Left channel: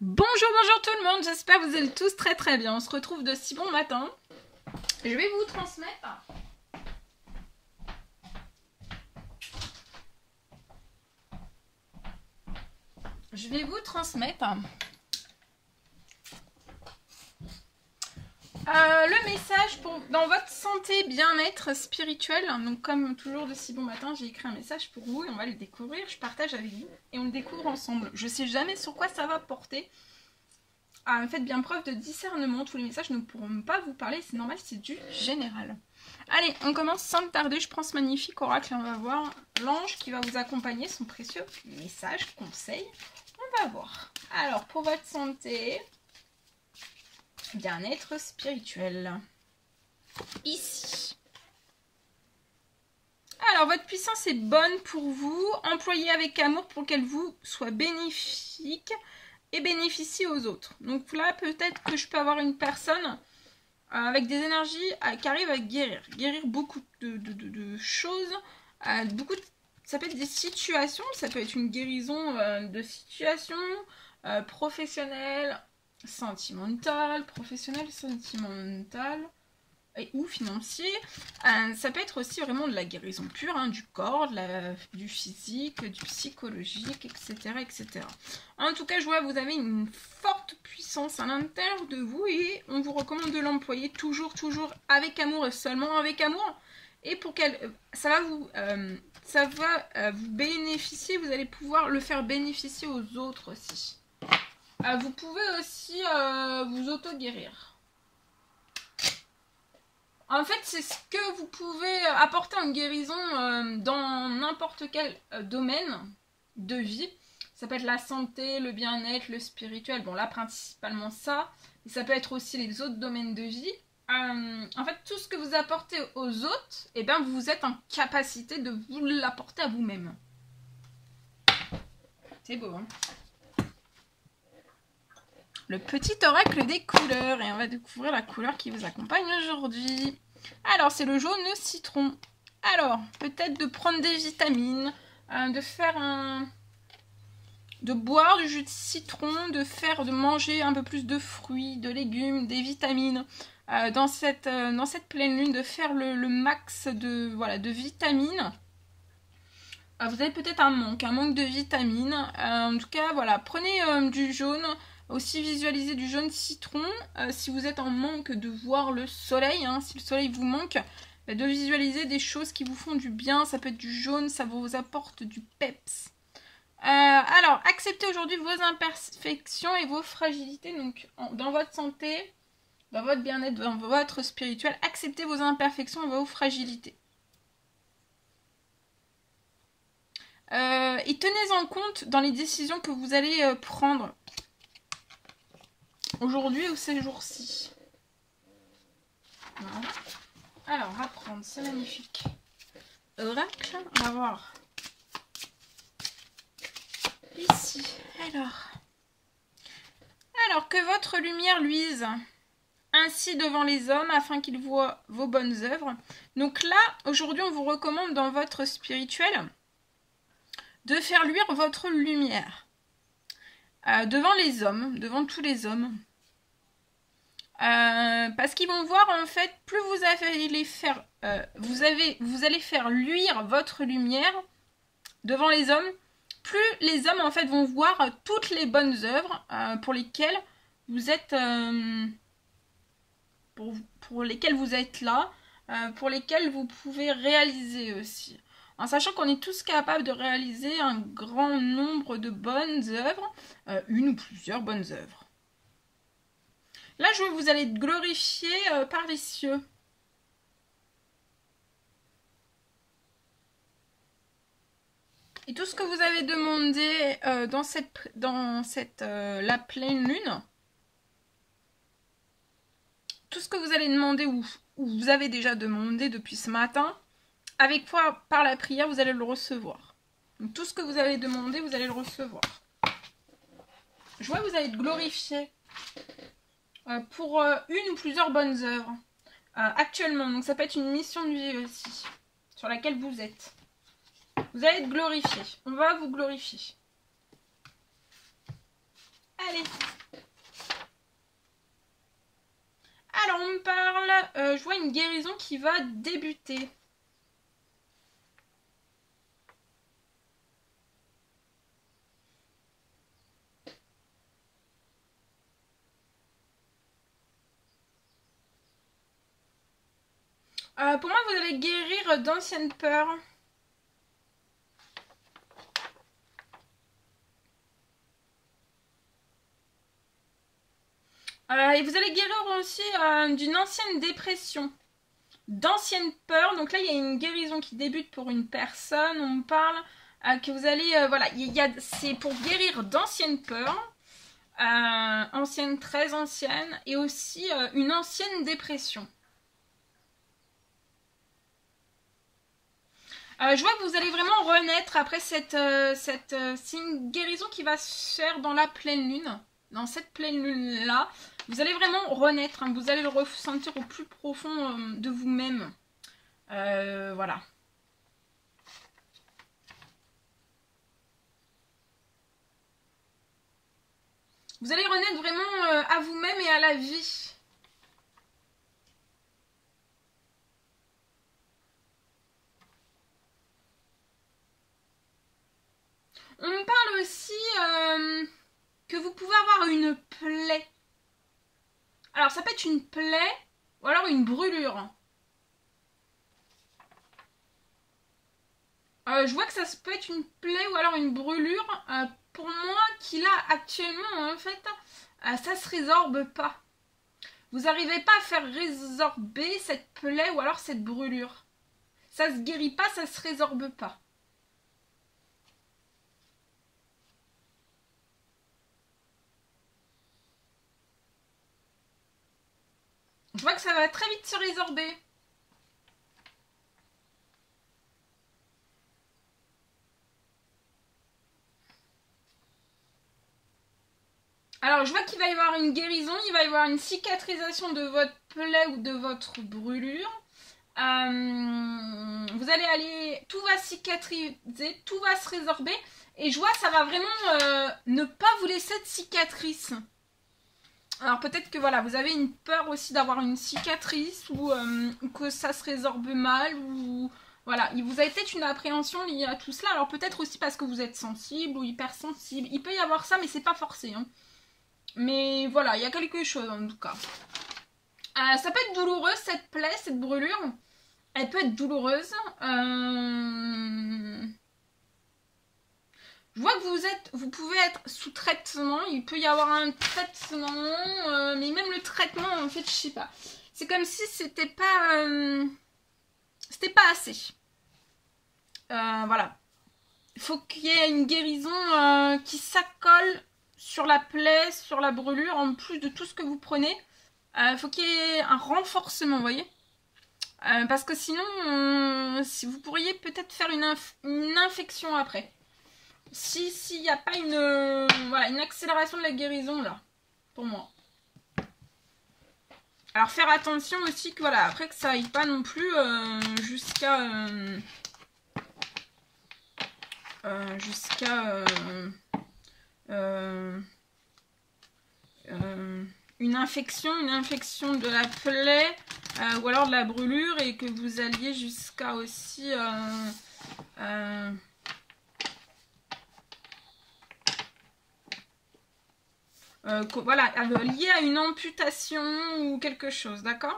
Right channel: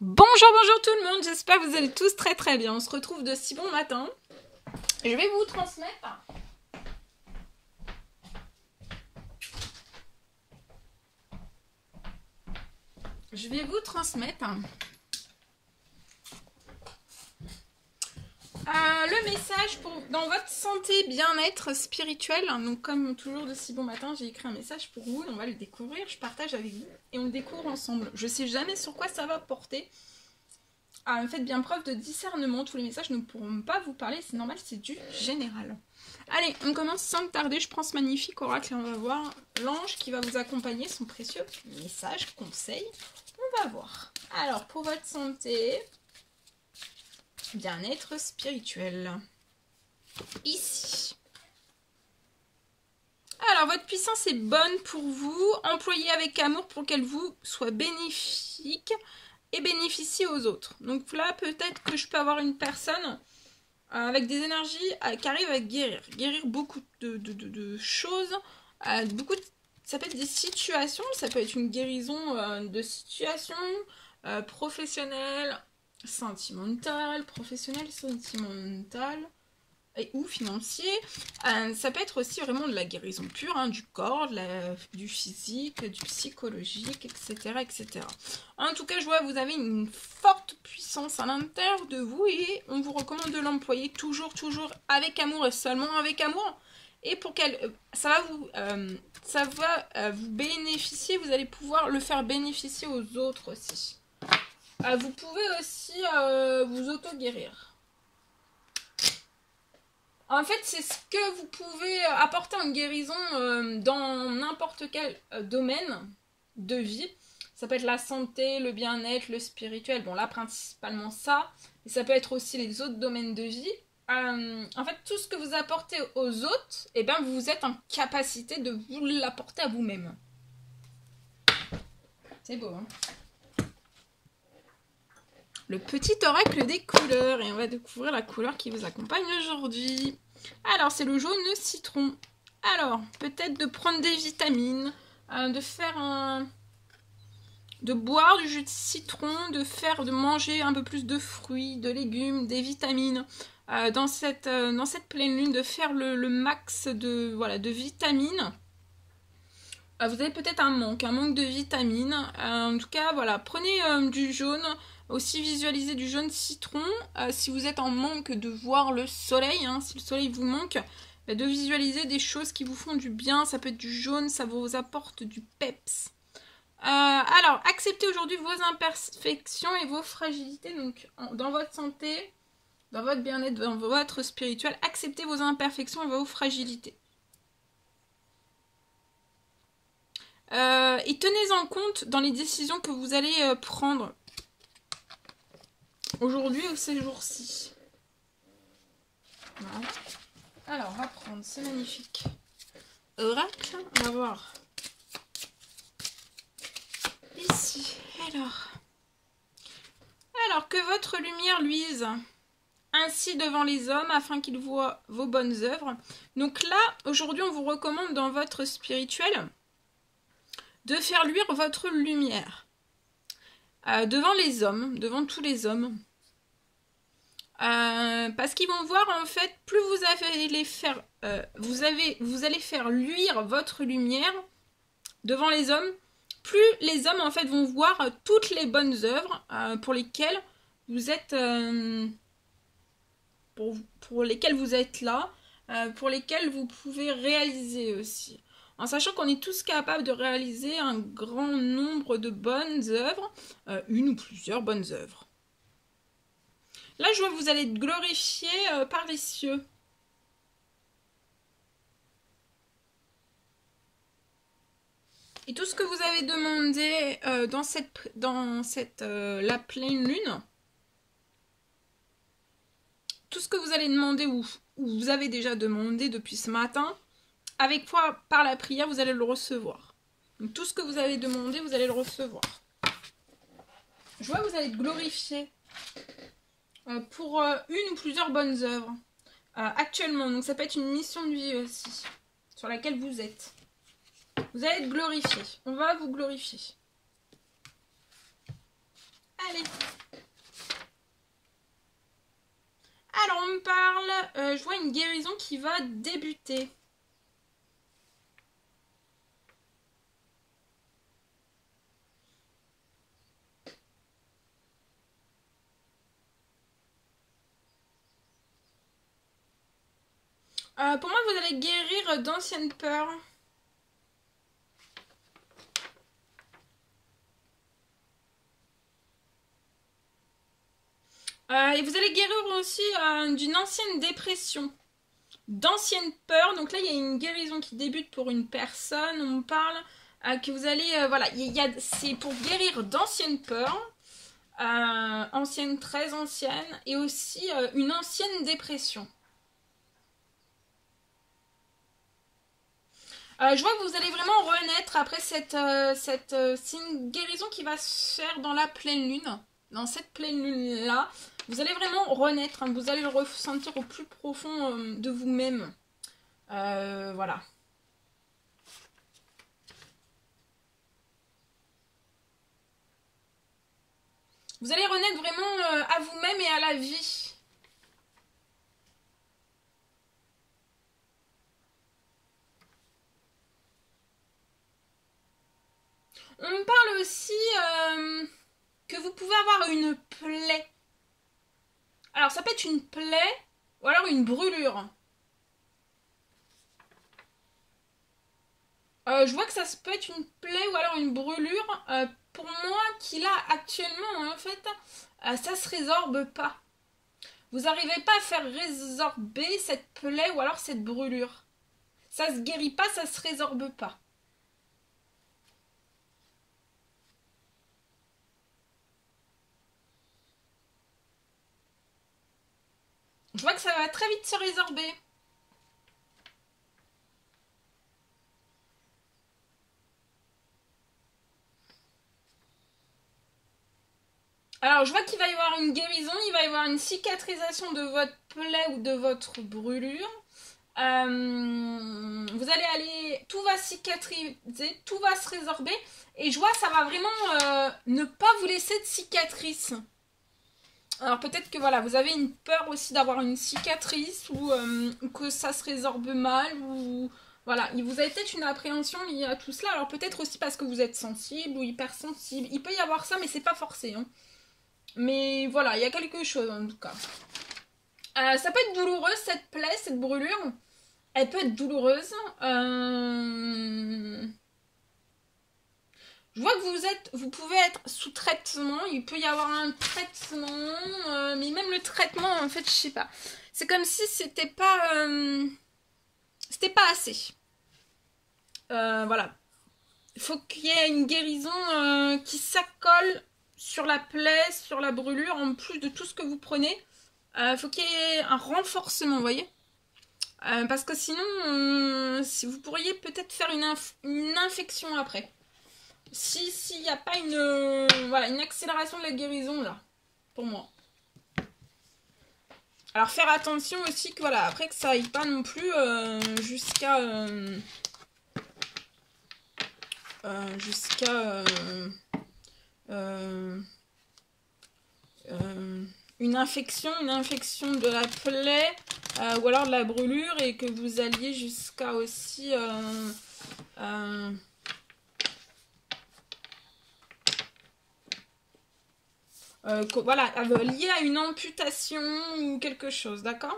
Bonjour tout le monde, j'espère que vous allez tous très bien. On se retrouve de si bon matin. Je vais vous transmettre le message dans votre santé, bien-être spirituel. Donc comme toujours de si bon matin, j'ai écrit un message pour vous et on va le découvrir. Je partage avec vous et on le découvre ensemble. Je sais jamais sur quoi ça va porter. Faites bien preuve de discernement. Tous les messages ne pourront pas vous parler, c'est normal, c'est du général. Allez, on commence sans tarder. Je prends ce magnifique oracle et on va voir l'ange qui va vous accompagner, son précieux message, conseil. On va voir. Alors, pour votre santé, bien-être spirituel. Ici. Alors, votre puissance est bonne pour vous. Employée avec amour pour qu'elle vous soit bénéfique et bénéficie aux autres. Donc là, peut-être que je peux avoir une personne avec des énergies qui arrive à guérir beaucoup de choses, ça peut être des situations, ça peut être une guérison de situations professionnelles, sentimentales, et ou financier. Ça peut être aussi vraiment de la guérison pure, du corps, du physique, du psychologique, etc. En tout cas, je vois que vous avez une forte puissance à l'intérieur de vous et on vous recommande de l'employer toujours avec amour et seulement avec amour. Et pour qu'elle, ça va vous bénéficier, vous allez pouvoir le faire bénéficier aux autres aussi. Vous pouvez aussi vous auto-guérir. En fait, c'est ce que vous pouvez apporter en guérison dans n'importe quel domaine de vie. Ça peut être la santé, le bien-être, le spirituel. Bon, là, principalement ça. Et ça peut être aussi les autres domaines de vie. En fait, tout ce que vous apportez aux autres, eh bien, vous êtes en capacité de vous l'apporter à vous-même. C'est beau, hein? Le petit oracle des couleurs. Et on va découvrir la couleur qui vous accompagne aujourd'hui. Alors, c'est le jaune citron. Alors, peut-être de prendre des vitamines, de boire du jus de citron, de manger un peu plus de fruits, de légumes, des vitamines. Dans cette pleine lune, de faire le max de vitamines. Vous avez peut-être un manque de vitamines. En tout cas, voilà, prenez du jaune. Aussi visualisez du jaune citron. Si vous êtes en manque de voir le soleil, si le soleil vous manque, de visualiser des choses qui vous font du bien. Ça peut être du jaune, ça vous apporte du peps. Alors, acceptez aujourd'hui vos imperfections et vos fragilités. Donc, dans votre santé, dans votre bien-être, dans votre spirituel, acceptez vos imperfections et vos fragilités. Et tenez en compte dans les décisions que vous allez prendre aujourd'hui ou ces jours-ci. Voilà. Alors, on va prendre ce magnifique oracle. On va voir ici. Alors que votre lumière luise ainsi devant les hommes afin qu'ils voient vos bonnes œuvres. Donc là, aujourd'hui, on vous recommande dans votre spirituel de faire luire votre lumière devant les hommes, devant tous les hommes. Parce qu'ils vont voir, en fait, plus vous allez faire luire votre lumière devant les hommes, plus les hommes, en fait, vont voir toutes les bonnes œuvres pour lesquelles vous êtes pour lesquelles vous êtes là, pour lesquelles vous pouvez réaliser aussi. En sachant qu'on est tous capables de réaliser un grand nombre de bonnes œuvres, une ou plusieurs bonnes œuvres. Là, je vois que vous allez être glorifié par les cieux. Et tout ce que vous avez demandé dans la pleine lune, tout ce que vous allez demander ou vous avez déjà demandé depuis ce matin, avec foi, par la prière, vous allez le recevoir. Donc, tout ce que vous avez demandé, vous allez le recevoir. Je vois que vous allez être glorifié pour une ou plusieurs bonnes œuvres actuellement. Donc, ça peut être une mission de vie aussi, sur laquelle vous êtes. Vous allez être glorifié. On va vous glorifier. Allez. je vois une guérison qui va débuter. Pour moi, vous allez guérir d'anciennes peurs. Et vous allez guérir aussi d'une ancienne dépression, d'anciennes peurs. Donc là, il y a une guérison qui débute pour une personne. On me parle que vous allez... voilà, c'est pour guérir d'anciennes peurs, anciennes, très anciennes, et aussi une ancienne dépression. Je vois que vous allez vraiment renaître après c'est une guérison qui va se faire dans la pleine lune. Dans cette pleine lune-là, vous allez vraiment renaître. Hein, vous allez le ressentir au plus profond de vous-même. Voilà. Vous allez renaître vraiment à vous-même et à la vie. On me parle aussi que vous pouvez avoir une plaie. Alors, ça peut être une plaie ou alors une brûlure. Je vois que ça peut être une plaie ou alors une brûlure. Pour moi, qui là, actuellement, en fait, ça se résorbe pas. Vous n'arrivez pas à faire résorber cette plaie ou alors cette brûlure. Ça se guérit pas, ça se résorbe pas. Je vois que ça va très vite se résorber. Alors, je vois qu'il va y avoir une guérison, il va y avoir une cicatrisation de votre plaie ou de votre brûlure. Vous allez aller... Tout va cicatriser, tout va se résorber. Et je vois que ça va vraiment ne pas vous laisser de cicatrice. Alors peut-être que voilà, vous avez une peur aussi d'avoir une cicatrice ou que ça se résorbe mal ou voilà, il vous avez peut-être une appréhension liée à tout cela. Alors peut-être aussi parce que vous êtes sensible ou hypersensible. Il peut y avoir ça, mais c'est pas forcé. Hein. Mais voilà, il y a quelque chose en tout cas. Ça peut être douloureux cette plaie, cette brûlure. Elle peut être douloureuse. Je vois que vous pouvez être sous traitement, il peut y avoir un traitement, mais même le traitement, en fait, je sais pas. C'est comme si c'était pas assez. Voilà. Il faut qu'il y ait une guérison qui s'accole sur la plaie, sur la brûlure, en plus de tout ce que vous prenez. Il faut qu'il y ait un renforcement, vous voyez. Parce que sinon, si vous pourriez peut-être faire une infection après. S'il n'y a pas une accélération de la guérison là, pour moi. Alors faire attention aussi que voilà, après que ça aille pas non plus jusqu'à une infection de la plaie ou alors de la brûlure et que vous alliez jusqu'à aussi voilà, lié à une amputation ou quelque chose, d'accord?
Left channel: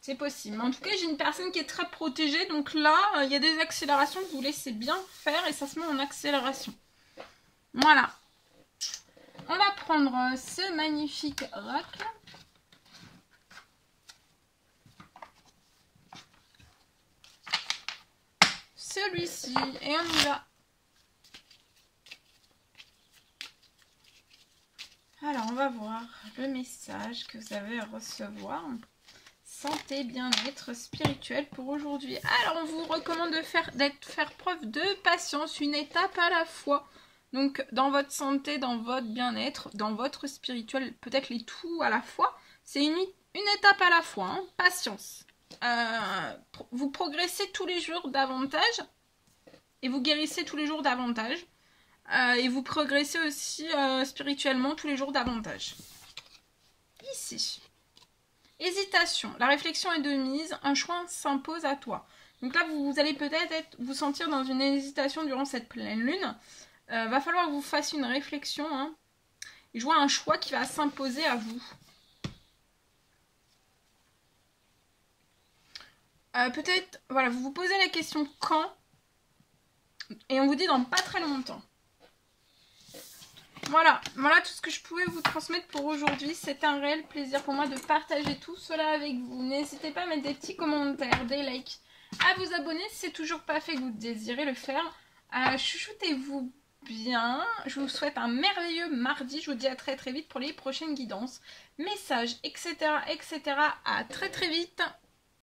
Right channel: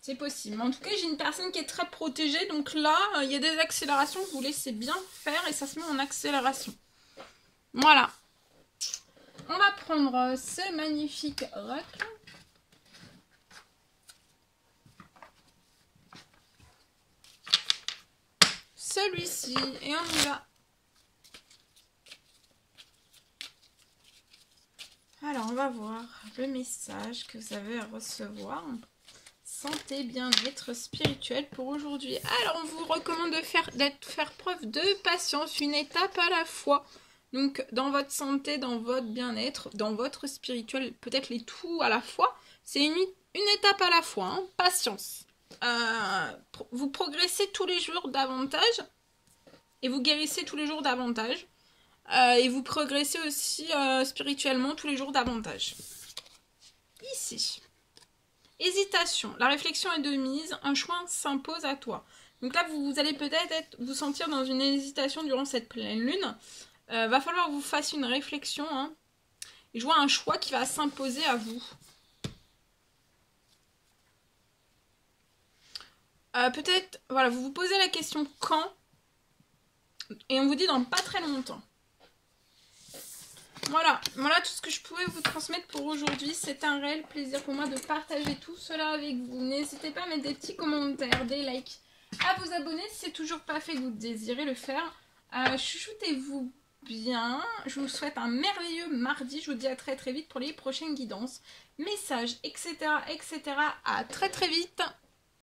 C'est possible. En tout cas, j'ai une personne qui est très protégée, donc là, il y a des accélérations que vous laissez bien faire et ça se met en accélération. Voilà. On va prendre ce magnifique oracle. Celui-ci et on y va. Alors on va voir le message que vous avez à recevoir. Santé, bien-être spirituel pour aujourd'hui. Alors on vous recommande de faire preuve de patience, une étape à la fois. Donc dans votre santé, dans votre bien-être, dans votre spirituel, peut-être les tout à la fois. C'est une étape à la fois, hein. Patience. Vous progressez tous les jours davantage et vous guérissez tous les jours davantage. et vous progressez aussi spirituellement tous les jours davantage. Ici. Hésitation. La réflexion est de mise. Un choix s'impose à toi. Donc là, vous allez peut-être vous sentir dans une hésitation durant cette pleine lune. Va falloir que vous fassiez une réflexion. Hein, et je vois un choix qui va s'imposer à vous. Peut-être, voilà, vous vous posez la question quand. Et on vous dit dans pas très longtemps. Voilà tout ce que je pouvais vous transmettre pour aujourd'hui. C'est un réel plaisir pour moi de partager tout cela avec vous. N'hésitez pas à mettre des petits commentaires, des likes, à vous abonner si c'est toujours pas fait que vous désirez le faire. Chuchotez-vous bien. Je vous souhaite un merveilleux mardi. Je vous dis à très très vite pour les prochaines guidances, messages, etc. À très très vite.